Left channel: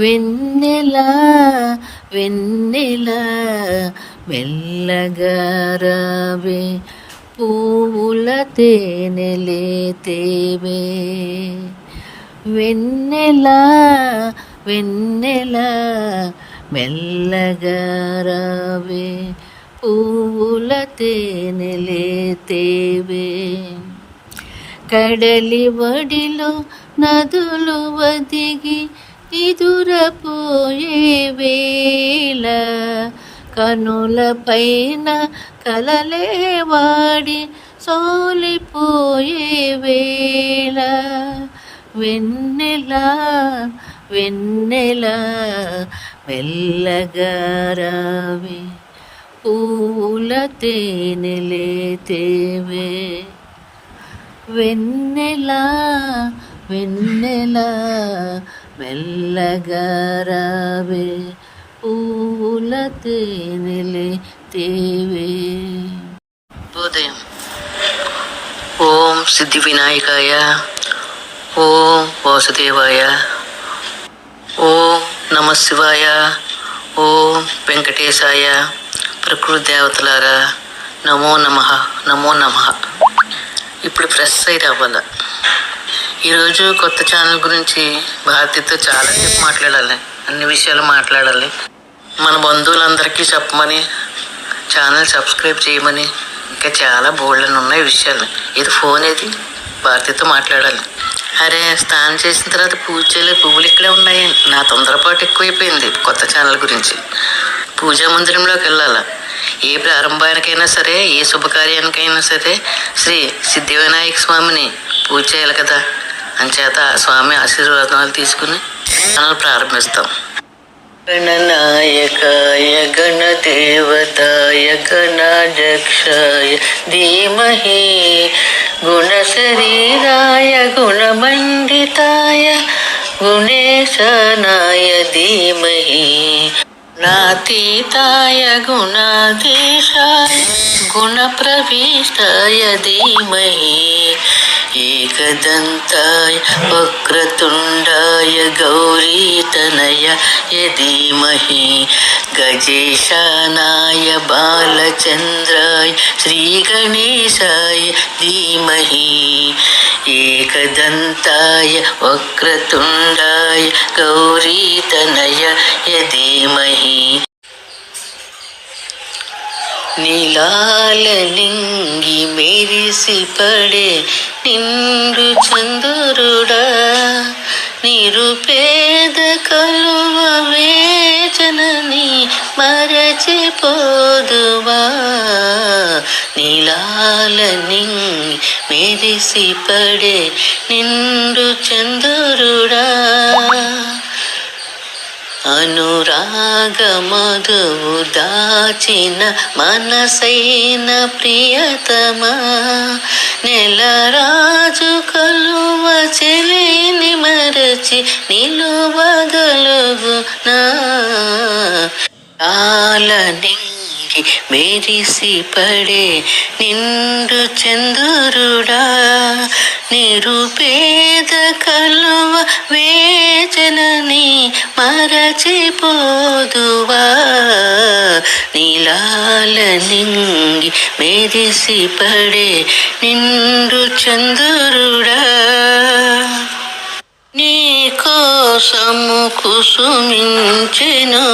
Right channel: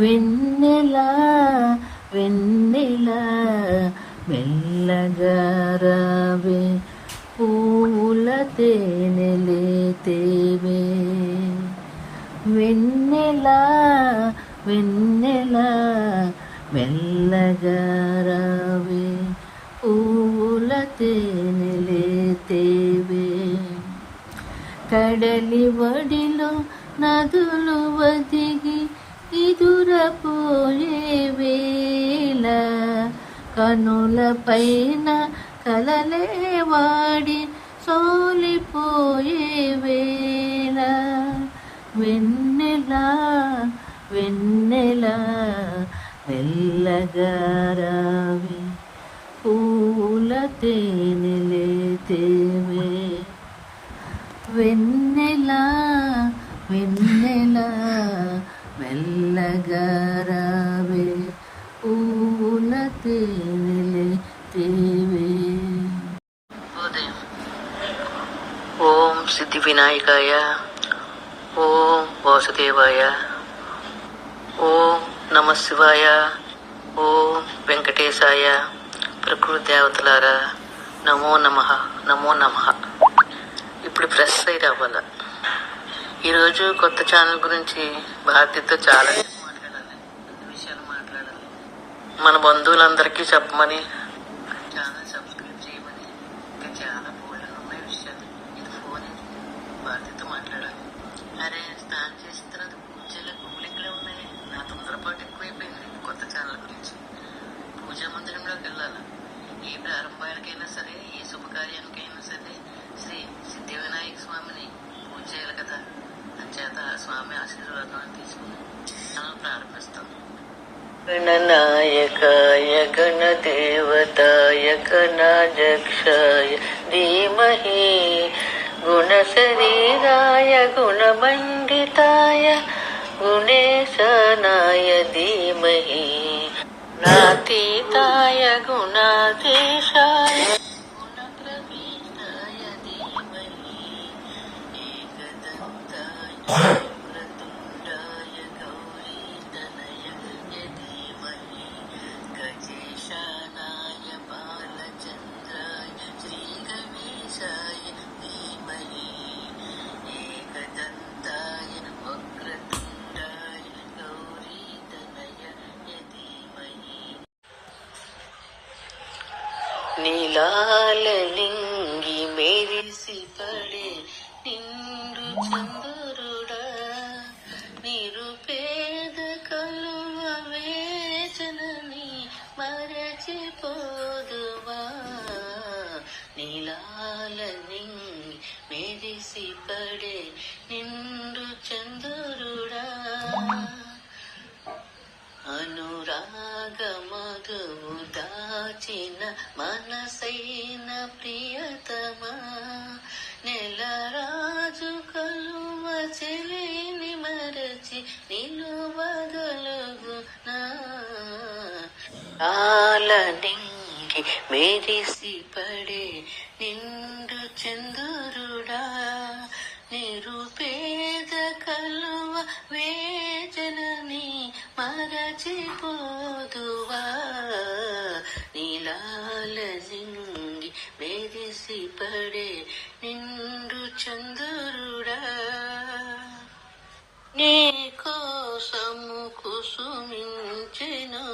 వెన్నెల వెన్నెల మెల్లగా రావే, పూల తేనెలే తేవే. వెన్నెల వెన్నెల మెల్లగా రావే, పూల తేనెలే తేవే. కడలి వడిలో నదులు వదిగి ఎదురపోయే వేళ, కనుల పైన కలలే వాడి సోలిపోయే వేళ. వెన్నెల వెన్నెల మెల్లగా రావే, పూల తేనెలే తేవే. వెన్నెల వెన్నెల మెల్లగా రావే, పూల తేనెలే తేవే. ఉదయం. ఓం సిద్ధి వినాయకాయ, ఓం వాసుదేవాయ, ఓం నమ శివాయ, ఓం వెంకటేశాయ. ప్రకృతి దేవతలారా నమో నమః, నమో నమః. ఇప్పుడు ఫ్రెష్ అయి రావాల. ఈరోజు కొత్త ఛానల్ గురించి భారతితో చాలా సేపు మాట్లాడాలి, అన్ని విషయాలు మాట్లాడాలి. మన బంధువులందరికీ చెప్పమని, ఛానల్ సబ్స్క్రైబ్ చేయమని, ఇంకా చాలా బోల్డని ఉన్నాయి విషయాలు. ఇది ఫోన్ ఏది, భారతితో మాట్లాడాలి. అరే, స్నానం చేసిన తర్వాత పూజ చేయలేదు, పువ్వులు ఇక్కడే ఉన్నాయి. నా తొందరపాటు ఎక్కువైపోయింది కొత్త ఛానల్ గురించి. పూజా మందిరంలోకి వెళ్ళాలా. ఏ ప్రారంభానికైనా సరే, ఏ శుభకార్యానికైనా సరే శ్రీ సిద్ధి వినాయక స్వామిని పూజ చేయాలి కదా. అంచేత స్వామి ఆశీర్వాదాలు తీసుకుని ఛానల్ ప్రారంభిస్తాం. గణనాయకాయ గణదేవతాయ గణాధ్యక్షాయ ధీమహి, గుణశరీరాయ గుణమండితాయ గుణేశానాయ ధీమహి, నాతీతాయ గుణాధీశాయ గుణప్రవిష్టాయ ధీమహి, ఏకదంతాయ వక్రతుండాయ గౌరీతనయ ధీమహి, గజేశానాయ బాలచంద్రాయ శ్రీగణేశాయ ధీమహి, ఏకదంతాయ వక్రతుండాయ గౌరీతనయ ధీమహి. నీలాలనింగి మెరిసి పడే నిండు చంద్రుడా, నిరుపేద కలువ వేచనని మరచిపోదువా. నీలాలనింగి మెరిసి పడే నిండు చంద్రుడా, అనురాగ మధువు దాచిన మనసైన ప్రియతమా, నెలరాజు కలువ చెలిని మరచి నిలువగలుగునా. ఆలనింగి మెరిసి పడే నిండు చంద్రుడా, నిరుపేద కలువ వేచనని మరచిపోదువా. నీలాలనింగి మెరిసి పడే నిండు చంద్రుడా, నీ కోసము కుసుమించెను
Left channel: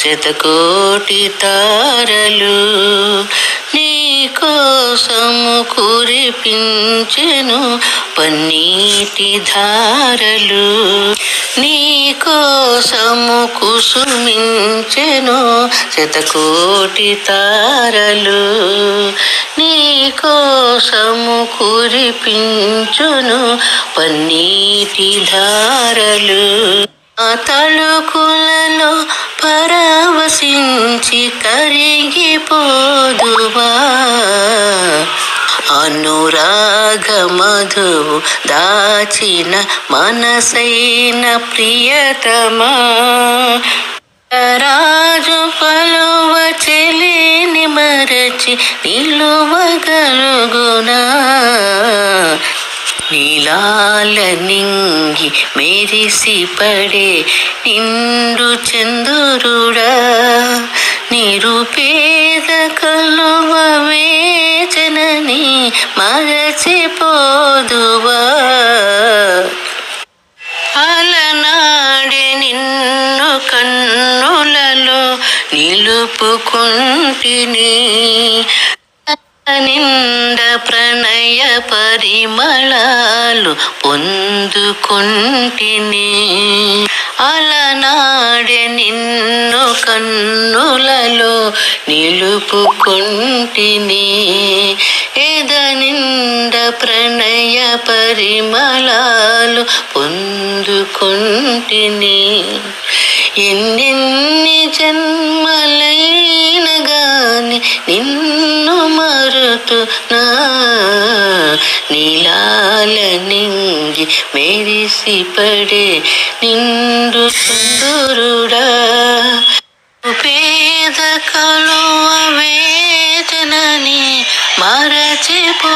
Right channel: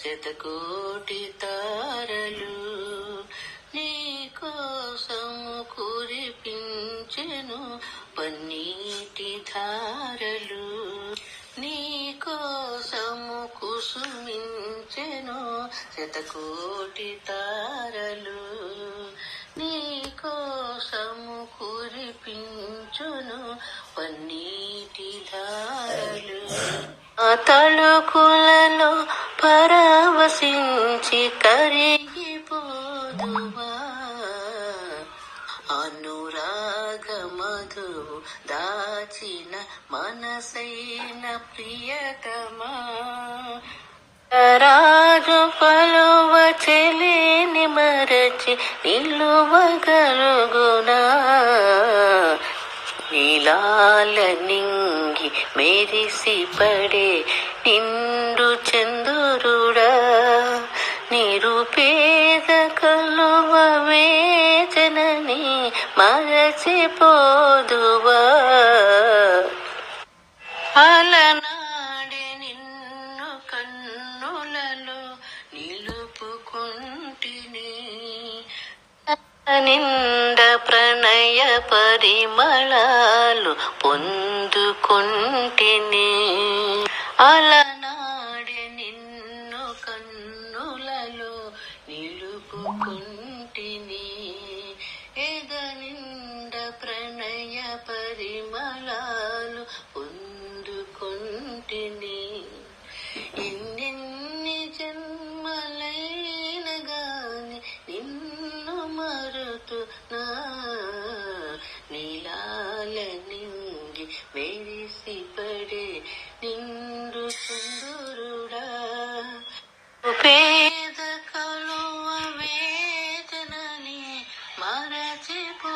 శతకోటి తారలు, నీ కోసము కురిపించెను పన్నీటి ధారలు, నీ కోసము కుసుమించెను శతకోటి తారలు, నీ కోసము కురిపించును పన్నీటి ధారలు. ఆ తళుకులలో పరవశించి కరిగిపోదువా. అనురాగ మధువు దాచిన మనసైన ప్రియతమా, రాజు పలు నిలువగలుగునా నీలాల నింగి మెరిసి పడే నిండు చంద్రుడా నిరుపేద కలువ వేచనని మరచిపోదువా అలనాడే నిన్ను కన్నులలో నిలుపుకుంటిని నిండ ప్రణయ పరిమళాలు పొందుకుంటిని అలనాడే నిన్ను కన్నులలో నిలుపుకుంటిని ఎద నిండ ప్రణయ పరిమళాలు పొందుకుంటిని ఎన్నెన్ని జన్మలైన గాని నిన్ను మరుతునా నీలాల నింగి మెరిసి పడే నిండు సుందరుడా పేద కలువ వేదనని మరచిపోదువా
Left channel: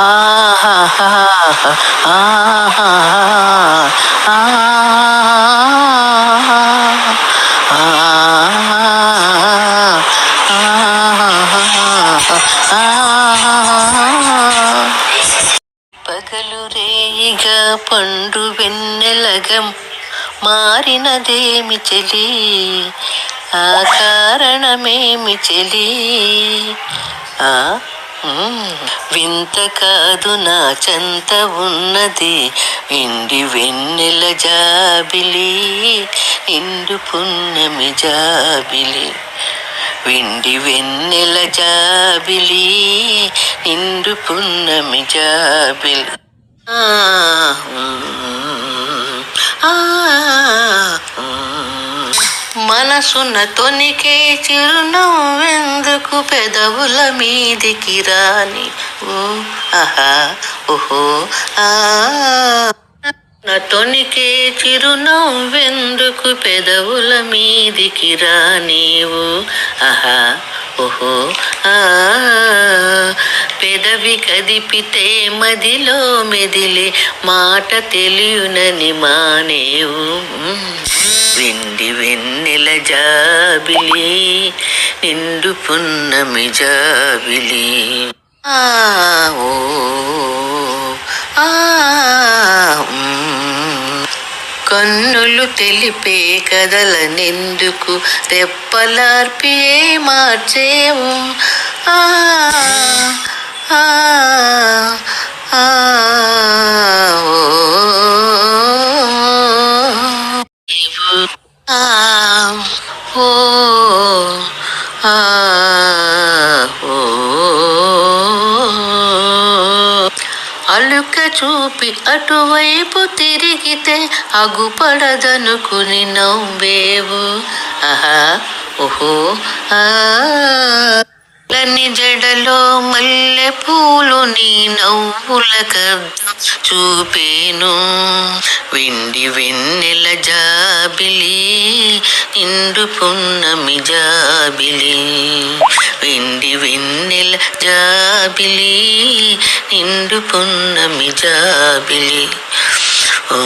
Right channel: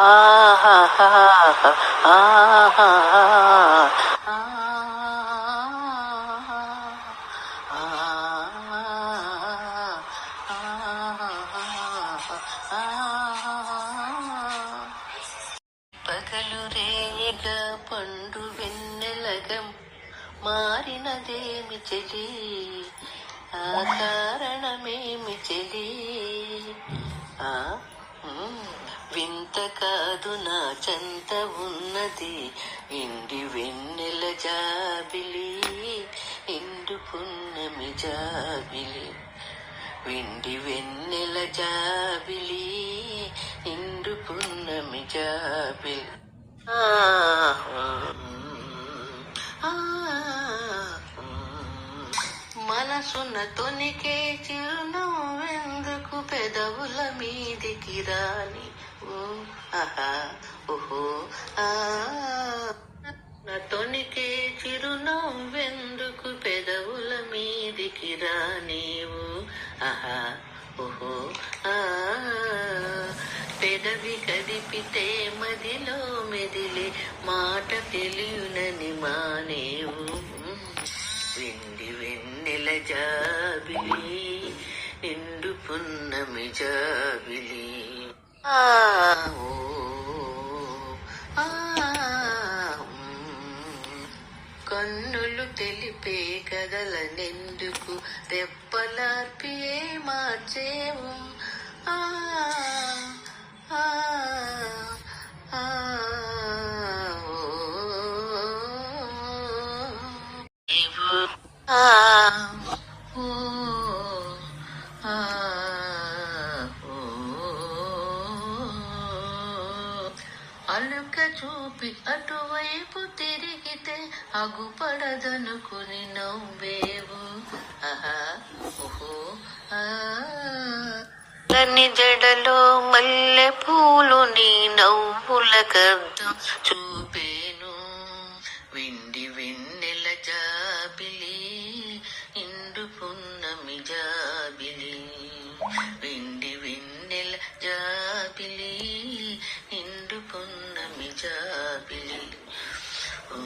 ఆహా ఆహా పగలు రేయిగా పండు వెన్నెలగం మారినదేమి చెలి ఆ కారణమేమి చెలి వింత కాదు నా చెంత ఉన్నది ఎండి వెన్నెల జాబిలి నిండు పున్నమి జాబిలి వెండి వెన్నెల జాబిలి నిండు పున్నమి జాబిలి మనసున్న తొనికే చిరునవ్వెందుకు పెదవుల మీదికి రాని ఓ ఆహా ఓహో నా తొనికే చిరునవ్వెందుకు పెదవుల మీదికి రానివు ఆహా ఓహో పెదవి కదిపితే మదిలో మెదిలే మాట తెలియనని మానేవు వెండి వెన్నెల జాబిలి నిండు పున్నమి జాబిలి ఓ కన్నులు తెలిపే కదలనెందుకు రెప్పలార్పియే మార్చేవు ఆ ఆ ఆ ఓ ఓ ఆ ఓ అలుక చూపి అటువైపు తిరిగితే అగుపడదనుకుని నవ్వేవు ఆహా ఓహో లని జడలో మల్లె పూలు నీ నవ్వుల కద్దం చూపేను వెండి వెన్నెల జాబిలి నిండు పున్నమి జాబిలి వెండి వెన్నెల జాబిలి నిండు పున్నమి జాబిలి ఓ